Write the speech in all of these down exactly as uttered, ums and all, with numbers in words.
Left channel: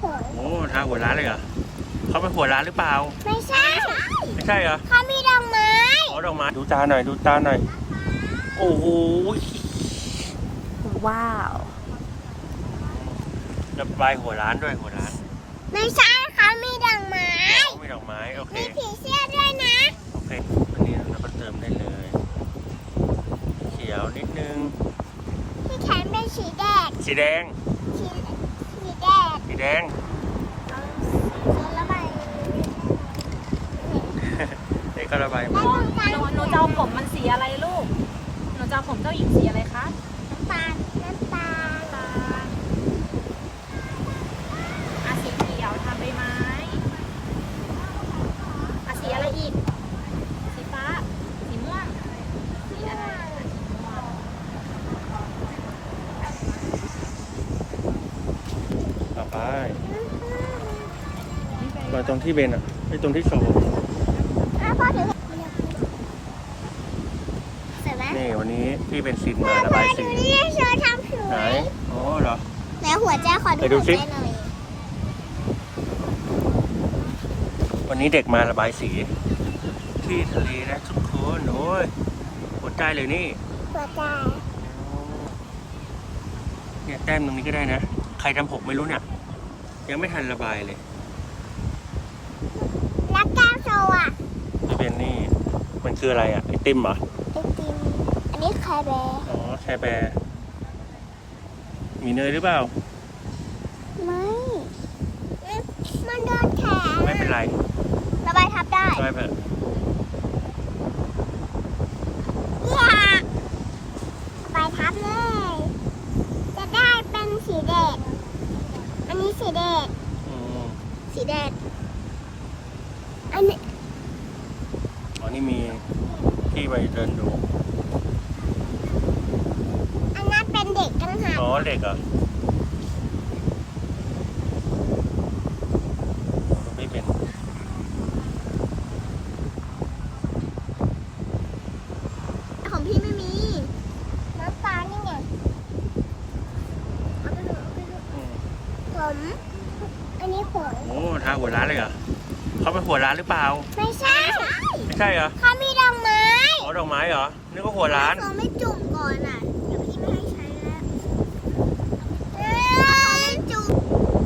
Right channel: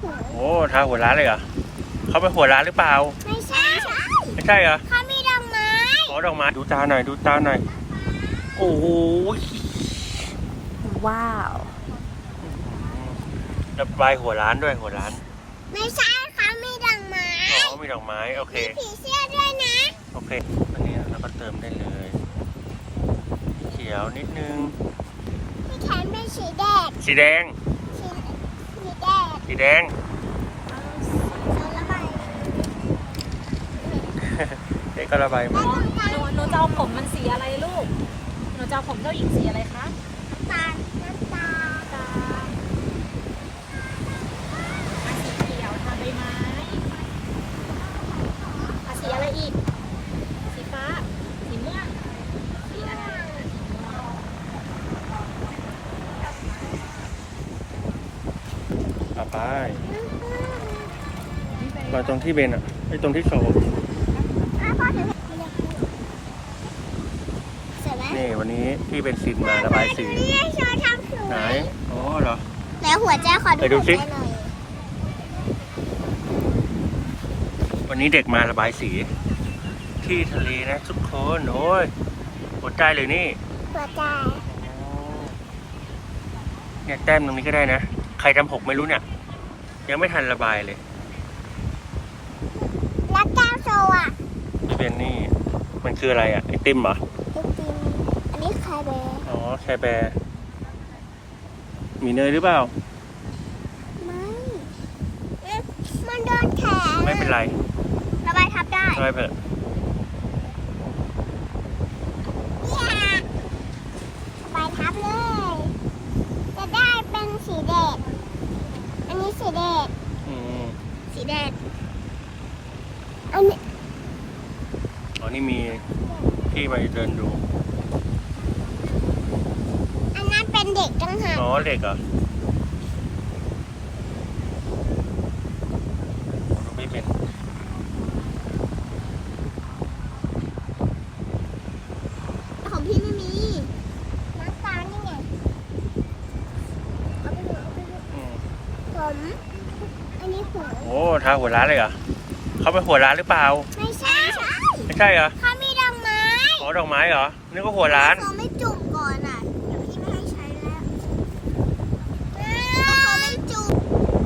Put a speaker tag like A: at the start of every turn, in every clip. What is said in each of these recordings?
A: หัว
B: โอ้ทาหัวร้านเลยเหรอเขาไปหัวร้านหรือเปล่า
A: ไม่ใช่
B: ไม่ใช่เหรอ
A: เขามีดอกไม้
B: อ๋อดอกไม้ดูตาหน่อยดูตาหน่อยโอ้โห
C: ว้าว
B: ระบายหัวร้านด้วยหัวร้าน
A: ไม่ใช่เขามีดอกไม้
B: อ๋อมีดอกไม้โอเค
A: มีผีเสื้อด้วยนะ
B: โอเคอันนี้เราก็เติมได้เลยเขียวนิดนึง
A: ที่แขนเป็นสีแดง
B: สีแดง
A: สีสีแดง
B: สีแดง
A: เอาสีระบาย
B: เด็กก็ระบายมา
C: หนูหนูจะเอาผมมันสีอะไรลูกหนูจะเอาผมเจ้าหญิงสีอะไรคะ
A: น้ำตาลน้ำตาล
C: ตาอาสีเขียวทาใบไม้อาสีอะไรอีกสีฟ้าสีม่วงสีอะไรม่วง
B: ต่อไปมาตรงที่เบนอ่ะไอ้ตรงที่โชว์นี่วันนี้พี่เป็นซินมาระบายสีไหนโอ้เหรอ
A: แล้วหัวใจขอดู
B: ไปดูสิ
A: หัวใจหน่อย
B: วันนี้เด็กมาระบายสีที่ทะเลนะทุกคนโอ้ยหัวใจเลยนี่
A: หัวใจ
B: เนี่ยแต้มตรงนี้ก็ได้นะใครทำหกไม่รู้เนี่ยยังไม่ทันระบายเลย
A: แล้วแก้วโซอ่ะ
B: พี่เบนนี่มันคืออะไรอ่ะไอติมเหรอ
A: ไอติมอันนี้แคร์แบร์
B: อ๋อแคร์แบร์มีเนยหรือเปล่า
A: ไม่มันโดนแขน
B: ไม่เป็นไร
A: ระบายทับได้
B: ระบายเถอะ
A: เนี่ยระบายทับเลยจะได้เป็นสีแดงอันนี้สีแดง
B: อืม
A: สีแดงอันนี้
B: อ๋อนี่มีพี่ไปเดินดู
A: อันนั้นเป็นเด็กจังหาก
B: อ๋อเด็กเหรอโอ้เราไม่เป็น
A: ของพี่ไม่มีน้ำตาลนี่ไงเอาไปดูเอาไปดู
B: อืม
A: ผมอันนี้ผม
B: โอ้ทาหัวร้านเลยเหรอเขาไปหัวร้านหรือเปล่า
A: ไม่ใช่
B: ไม่ใช่เหรอ
A: เขามีดอกไม้
B: อ๋อดอกไม้เหรอนึกว่าหัวร้าน
A: เขาไม่จุ่มก่อนอ่ะเดี๋ยวพี่ไม่ให้ใช้แล้วเขาไม่จุ่ม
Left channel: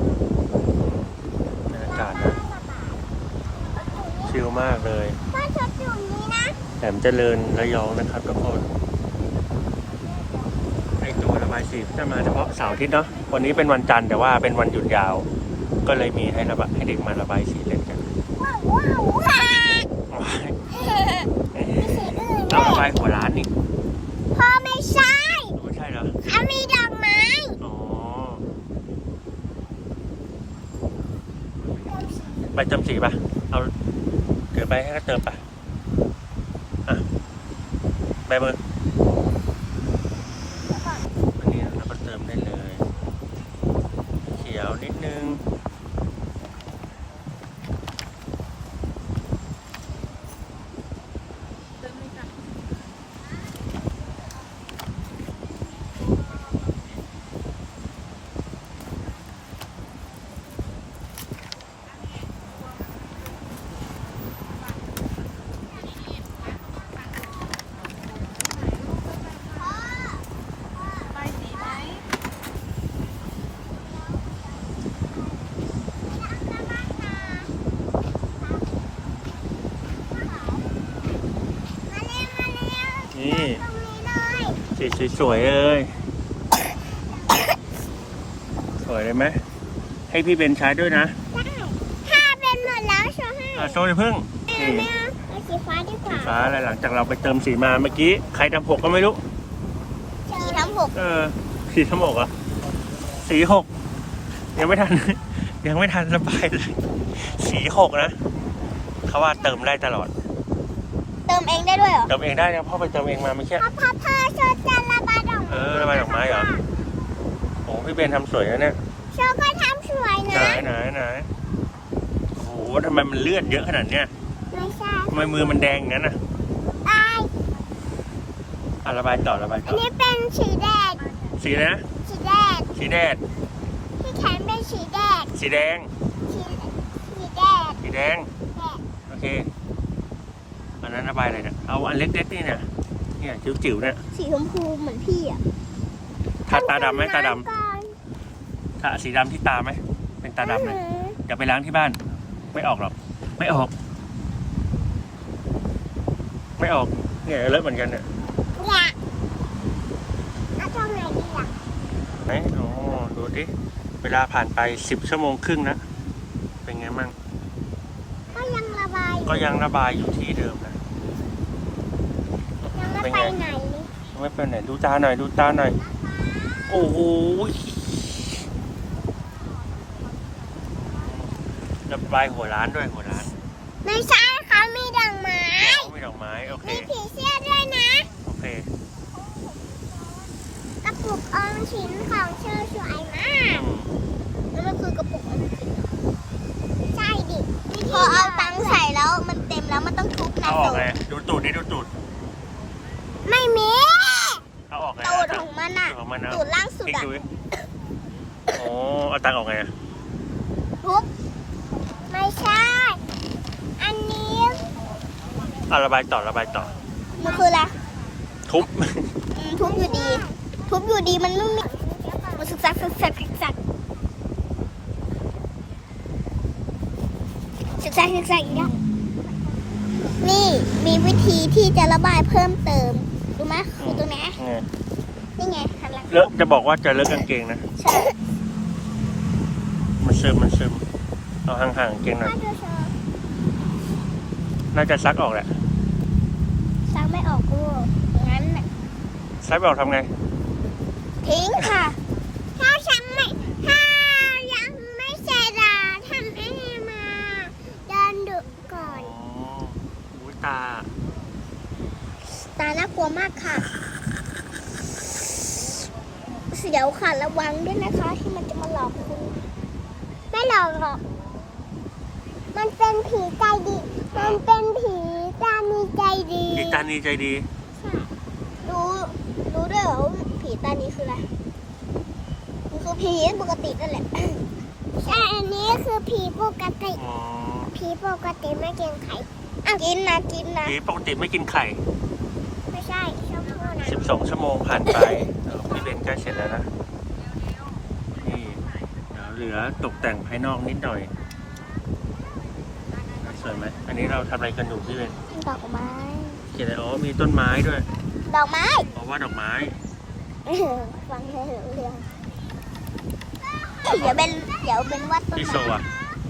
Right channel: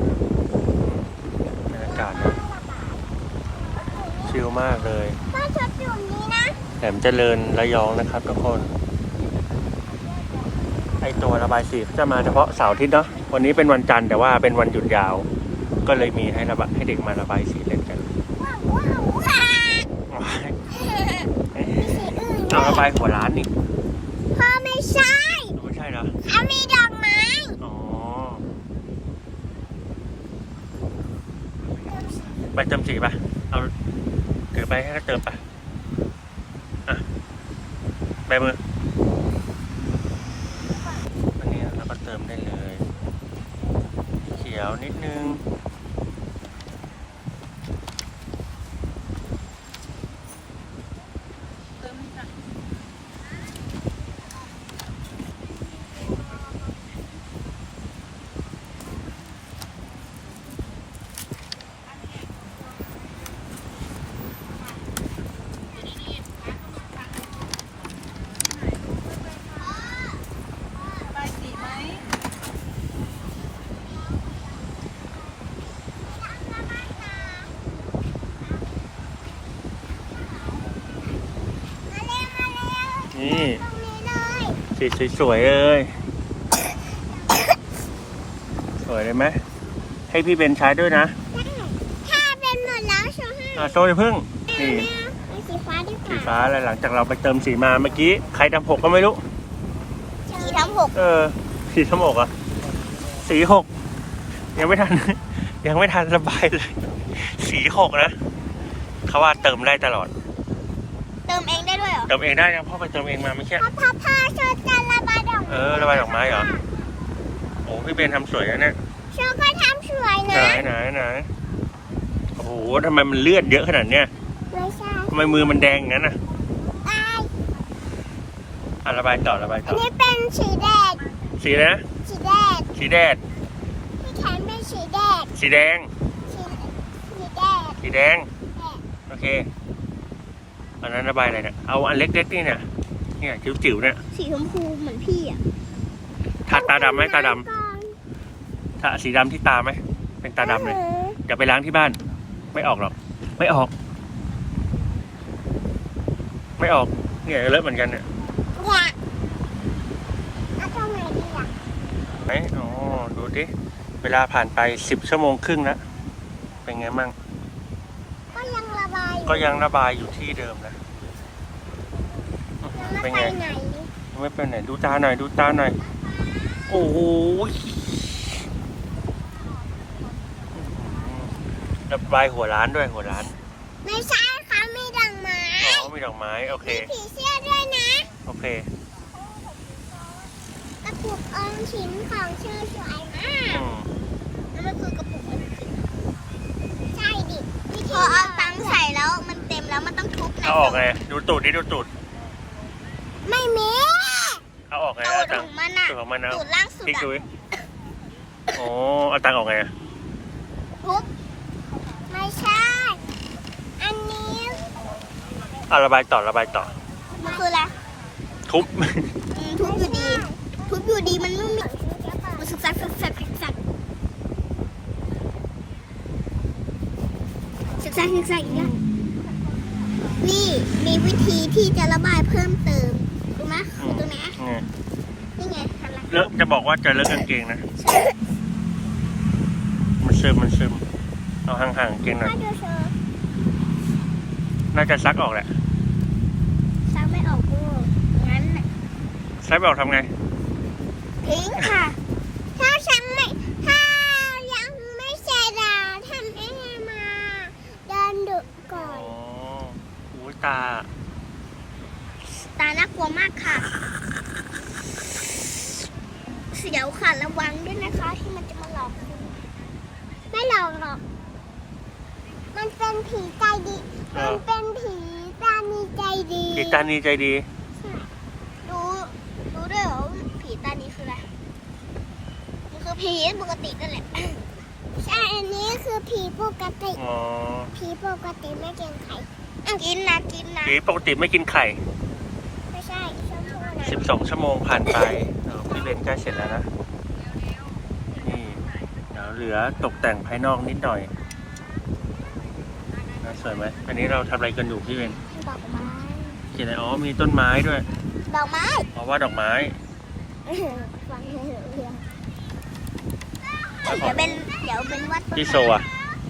B: บรรยากาศนะชิลมากเลย
A: ถ้าชุดจุ่มนี้นะ
B: แหลมเจริญระยองนะครับทุกคนไอตัวระบายสีจะมาเฉพาะเสาร์อาทิตย์เนาะวันนี้เป็นวันจันทร์แต่ว่าเป็นวันหยุดยาว ก็เลยมีให้ระบายให้เด็กมาระบายสีเล่นกัน
A: ว้าวว้าวว้าว
B: เราระบายหัวร้านนี่
A: พ่อไม่ใช่
B: ไม่ใช่เหรอ
A: เขามีดอกไม้
B: อ๋อไปเติมสีป่ะเอาถือไปให้เขาเติมป่ะอ่ะใบมืออันนี้เราก็เติมได้เลยเขียวนิดนึง
C: เติมเลยจ้ะระบายสีไหม
A: มาเร็วมาเร็ว
B: นี่
A: ตรงนี้เลย
B: สีสวยๆเลยสวยเลยไหมให้พี่เบนใช้ด้วยนะ
A: ได้ถ้าเป็นหมดแล้วโชว์ให้
B: อ่ะโซ่อย่าพึ่งนี่
A: แม่เอาสีฟ้าดีก
B: สี
A: ว่า
B: ฟ้าแล้วหลังจากเราไปเติมสีมาเมื่อกี้ใครทำหกก็ไม่รู้
A: สีทั้งหก
B: เออสีสมกเหรอ่ะสีหกยังไม่ทัน ยังไม่ทันระบายเลย สีหกนะเขาว่าเติมได้ตลอด
A: เติมเองได้ด้วยเหรอ
B: เติมเองได้นะพ่อไปเติมเองมาเมื่อกี้
A: เพราะพับผ้าโชว์จะระบายดอก
B: เออระบายดอกไม้เหรอโอ้พี่เบนทำสวยนะเนี่ย
A: โชว์ก็ทำสวย
B: ไหน
A: นะ
B: ไหนไหนโอ้โหทำไมมันเลือดเยอะขนาดเนี้ย
A: ไม่ใช่
B: ทำไมมือมันแดงอย่างนั้นน่ะ
A: ไอ
B: อ่ะระบายต่อระบาย
A: อั
B: ต่
A: น
B: อ
A: นี้เป็นสีแดง
B: สีอะไรนะ
A: สีแดง
B: สีแดด
A: ที่แขนเป็นสีแดง
B: สีแดง
A: สีสีแดง
B: สีแดง โอเค อันนั้นระบายอะไรเนี่ย เอาอันเล็กๆนี่เนี่ยเนี่ยจิ๋วๆเนี่ย
A: สีชมพูเหมือนพี่อ่ะ
B: ทาตาดำไหมตาดำทาสีดำที่ตาไหมเป็นตาดำเลยเดี๋ยวไปล้างที่บ้าน ไม่ออกหรอก ไม่ออก ไม่ออก เนี่ยเลอะเหมือนกันเนี่ย
A: อยากเอาทำไงดีอ่ะ
B: ไหนอ๋อดูดิ เวลาผ่านไปสิบชั่วโมงครึ่งแล้วเป็นไงมั่ง
A: ก็ยังระบายอยู่
B: ก็ยังระบายอยู่ที่เดิมนะ
A: ยังไม่
B: เป็น
A: ไป
B: ไง
A: ไหนเลย
B: ยังไม่เป็นไหนดูตาหน่อยดูตาหน่อย โอ้โหระบายหัวร้านด้วยหัวร้าน
A: ไม่ใช่ค่ะมีดอกไม้
B: อ๋อมีดอกไม้โอเค
A: มีผีเสื้อด้วยนะ
B: โอเค
A: กระปุกออมสินของเชอสวยมาก
B: อืม
A: แล้วก็คือกระปุกออมสินใช่ดิวิธีเอาตังค์ใส่แล้วมันเต็มแล้วมันต้องทุบ
B: เอาออกไงดูตูดดิดูตูด
A: ไม่มี
B: เอาออกไง
A: ตู
B: เอา
A: ด
B: ตั
A: ข
B: ง
A: อ
B: ค์
A: งมันอ่ะ
B: ตูดของมันเอา
A: ตูดล่างสุด
B: พลิกดู
A: อะ
B: ดิโอ้เอาตังค์ออกไงอะ
A: ทุบไม่ใช่ อันนี้
B: เอาระบายต่อระบายต่อ
A: มันคืออะไร
B: ทุบ
A: อืมทุบอยู่ดี ทุบอยู่ดีมันไม่มีรู้สึกสักสักสักสักสักสักสักสักอีกแล้วนี่มีวิธีที่จะระบายเพิ่มเติมดูไหมคือตรงนี้
B: ไง
A: นี่ไงทำอะไร
B: เลอะจะบอกว่าจะเลอะกางเกงนะ
A: ใช่
B: มันซึมมันซึมเอาห่างๆกางเกงหน่อย
A: มาดูเชิญ
B: น่าจะซักออกแหละ
A: ซักไม่ออกด้วยงั้นน่ะ
B: ซักไม่ออกทำไง
A: ทิ้งค่ะ ถ้าฉันไม่ถ้ายังไม่เสร็จอะทำให้มาเดินดุก่อ
B: อ๋
A: น
B: ออุ้ยตา
A: ตาน่ากลัวมากค่ะ เสียวค่ะระวังด้วยนะคะ ที่มันจะมาหลอกคุณ ไม่หลอกหรอก มันเป็นผีใจดี มันเป็นผีตานีใจดี
B: ผีตานีใจดี
A: ใช่รู้รู้ด้วยเหรอว่าผีตานีคืออะไร มันคือผีปกตินั่นแหละ ใช่ อันนี้คือผีปกติ
B: อ๋อ
A: ผีปกติไม่กินไข่อ่ะกินนะกินนะ
B: ผีปกติไม่กินไข่
A: ไม่ใช่ชมพู่นะ
B: สิบสองชั่วโมงผ่านไปเออพี่เบนใกล้เสร็จแล้วนะ นี่ เดี๋ยวเหลือตกแต่งภายนอกนิดหน่อยน่าสวยไหม อันนี้เราทำอะไรกันอยู่พี่เบน
A: ดอกไม้
B: เขียนอะไรอ๋อ มีต้นไม้ด้วย
A: ดอกไม้
B: อ๋อว่าดอกไม้
A: ฟังให้รู้เรื่องเดี๋ยวเป็นเดี๋ยวเป็นวัด
B: พี่โซอ่ะ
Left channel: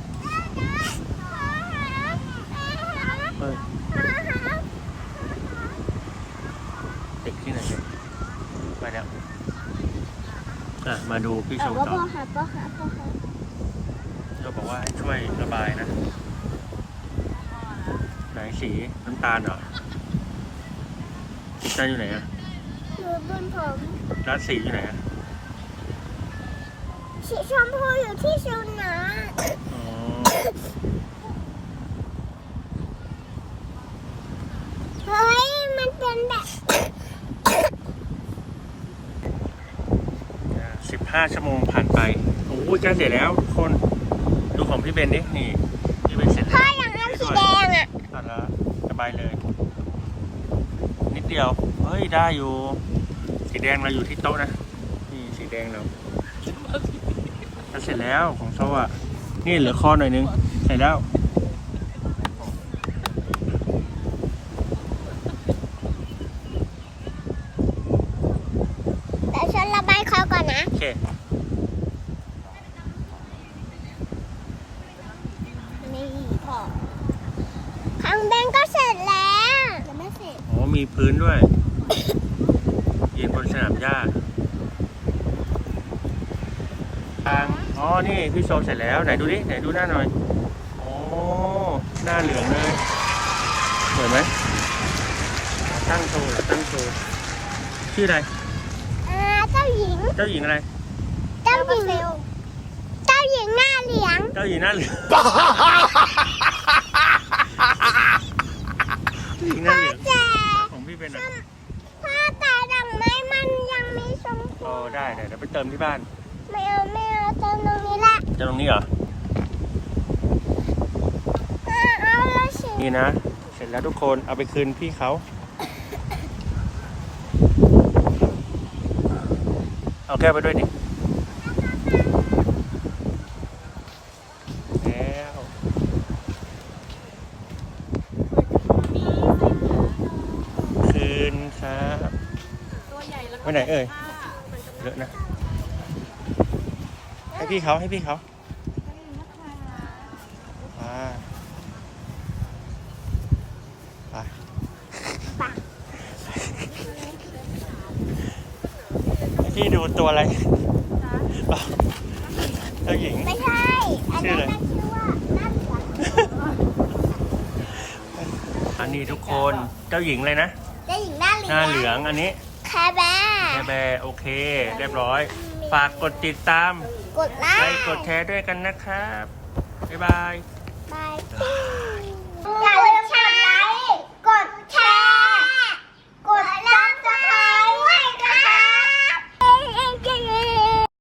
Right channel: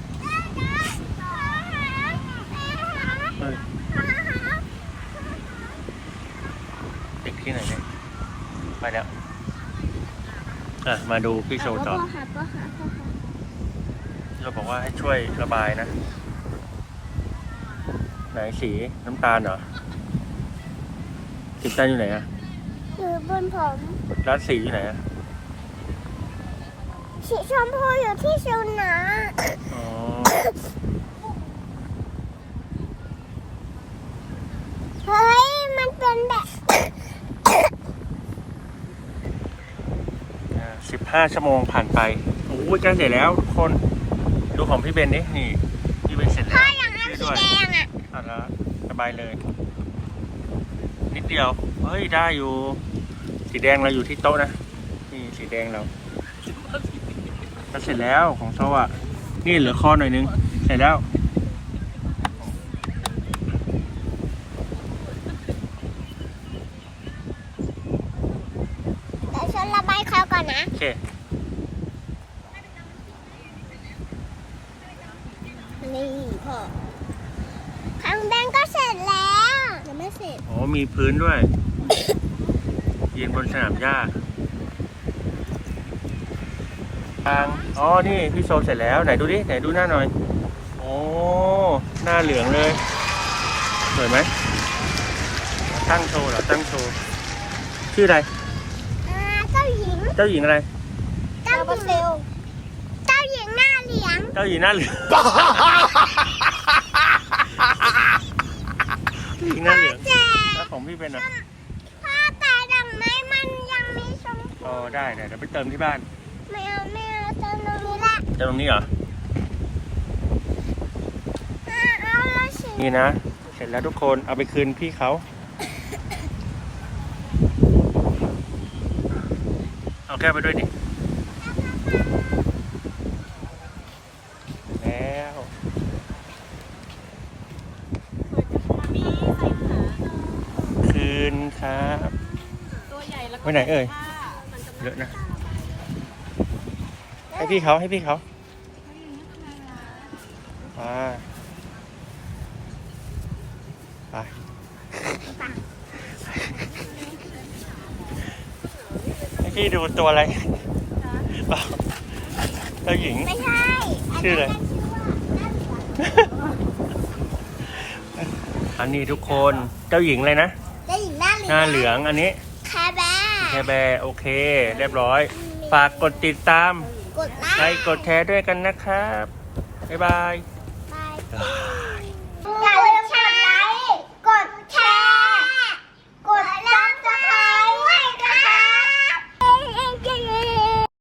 B: เฮ้ยเด็กที่ไหนเนี่ย ไปแล้ว อ่ะ มาดูพี่โซต่อ
A: พ่อหาพ่อหาพ่อหา
B: เราบอกว่าให้ช่วยระบายนะ ไหนสีน้ำตาลเหรอสีน้ำตาลอยู่ไหนอะ
A: คือบนผม
B: แล้วสีอยู่ไหนอะ
A: สีชมพูอยู่ที่ชูนะ
B: อ๋อ
A: เฮ้ยมันเป็นแบบ
B: สิบห้าชั่วโมงผ่านไปโอ้ยใกล้เสร็จแล้วทุกคน ดูของพี่เบนดิ นี่ พี่เบนเสร็จแล้ว
A: ถ้าอย่างนั้นสี
B: ช่วย
A: แด
B: ด้วย
A: งอ่ะ
B: ตัดแล้วสบายเลย นิดเดียว เฮ้ย ได้อยู่ สีแดงเราอยู่ที่โต๊ะนะ นี่สีแดงเราก็เสร็จแล้วของโซ่อะนี่เหลือคอหน่อยนึง เสร็จแล้ว
A: เดี๋ยวฉันระบายเขาก่อนนะ
B: โอเค
A: นี่พ่อทางเบนก็เสร็จแล้วยังไม่เสร็จ
B: อ๋อ มีพื้นด้วย ยืนบนสนามหญ้าทางอ๋อ นี่พี่โซเสร็จแล้ว ไหนดูดิ ไหนดูหน้าหน่อย โอ้ หน้าเหลืองเลย สวยไหม ตั้งโชว์เหรอ ตั้งโชว์ ชื่ออะไร
A: เออเจ้าหญิง
B: เจ้าหญิงอะไร
A: เจ้าหญิงเจ้าหญิงหน้าเหลือง
B: เจ้าหญิงหน้าเหลือง เจ้าหญิงหน้าเหลือง
A: แต่
B: แล้วของพี่เป็นอ่ะ
A: ถ้าแต่ดอกไม้มันยังไม่ชมพู
B: อ๋อ ได้เดี๋ยวไปเติมที่บ้าน
A: ไม่เอาไม่เอาเติมตรงนี้ละ
B: จะตรงนี้เหรอ
A: เออเอาละสิ
B: นี่นะ เสร็จแล้วทุกคนเอาไปคืนพี่เขา เอาแก้วไปด้วยดิ แล้ว คืนครับ
C: ตัวใหญ่แล้ว
B: ไปไหนเอ่ย เยอะนะ ให้พี่เขาให้พี่เขามาไปให้พี่ดูตัวอะไรเปล่าเจ้าหญิง
A: ไม่ใช่
B: ชื่ออะไร
A: นนั้นชื่อว่าหน้าเหลือง
B: อันนี้ทุกคนเจ้าหญิงเลยนะ
A: ได้หญิงหน้าเหลือง
B: หน้าเหลืองอันนี้
A: แคร์แบร์
B: แค่แบร์โอเค เรียบร้อย ฝากกดติดตาม
A: กดไล
B: ไล
A: ค์
B: ค์กดแชร์ด้วยกันนะครับ บ๊ายบาย
A: บาย